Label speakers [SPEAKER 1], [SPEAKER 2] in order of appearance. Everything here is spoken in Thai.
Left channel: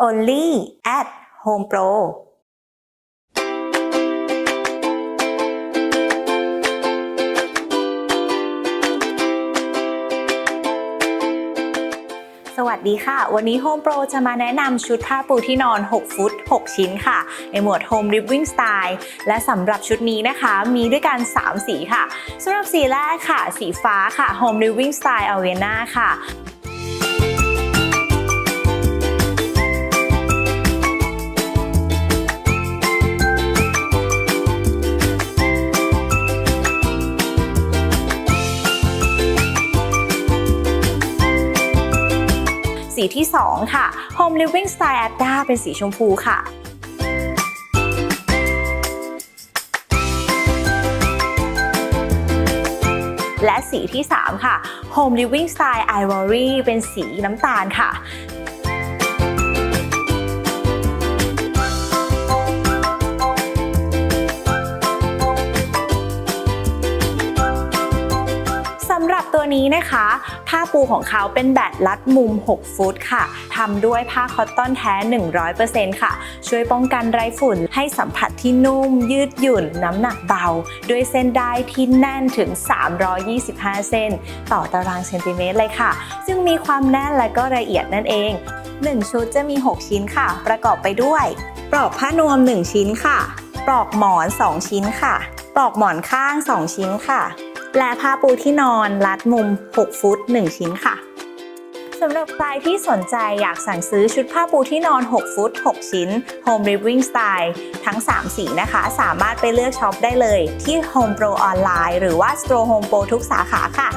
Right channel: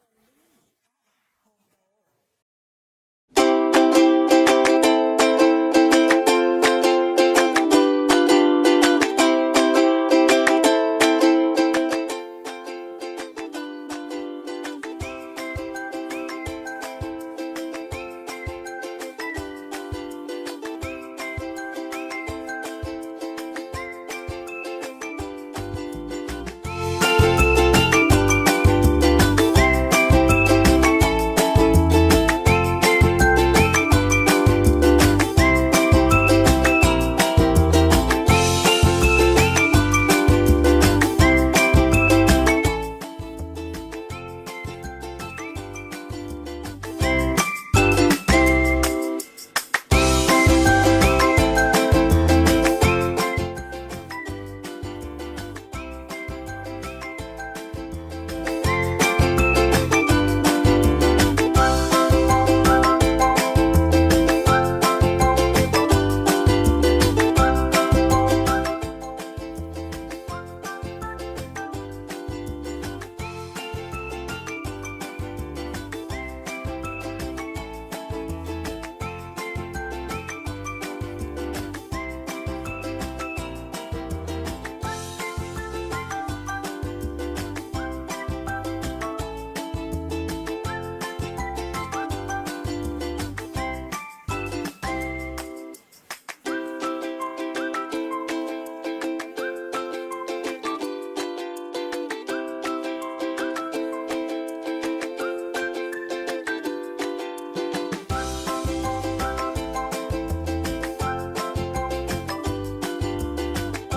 [SPEAKER 1] only at Home Pro สวัสดีค่ะ วันนี้ Home Pro จะมาแนะนำชุดผ้าปูที่นอน 6 ฟุต 6 ชิ้นค่ะ ในหมวด Home Living Style และสำหรับชุดนี้นะคะ มีด้วยกัน 3 สีค่ะสำหรับสีแรกค่ะ สีฟ้าค่ะ Home Living Style Avena ค่ะ สีที่ 2 ค่ะ Home Living Style Adda เป็นสีชมพูค่ะและสีที่ 3 ค่ะ Home Living Style Ivory เป็นสีน้ำตาลค่ะ ผ้าปูของเขาเป็นแบบรัดมุม 6 ฟุตค่ะทำด้วยผ้าคอตตอนแท้ 100%ค่ะ ช่วยป้องกันไรฝุ่นให้สัมผัสที่นุ่ม ยืดหยุ่น น้ำหนักเบา ด้วยเส้นได้ที่แน่นถึง 325 เส้น ต่อตารางเซนติเมตรเลยค่ะ ซึ่งมีความแน่นและก็ละเอียดนั่นเอง 1 ชุดจะมี 6 ชิ้นค่ะ ประกอบไปด้วยปลอกผ้านวม 1 ชิ้นค่ะ ปลอกหมอน 2 ชิ้นค่ะ ปลอกหมอนข้าง 2 ชิ้นค่ะ และผ้าปูที่นอนรัดมุม 6 ฟุต 1 ชิ้นค่ะสำหรับใครที่สนใจอยากสั่งซื้อชุดผ้าปูที่นอน 6 ฟุต 6 ชิ้น Home Living Style ทั้ง 3 สีนะคะ สามารถไปเลือกช็อปได้เลยที่ Home Pro ออนไลน์หรือว่า Store Home Pro ทุกสาขาค่ะ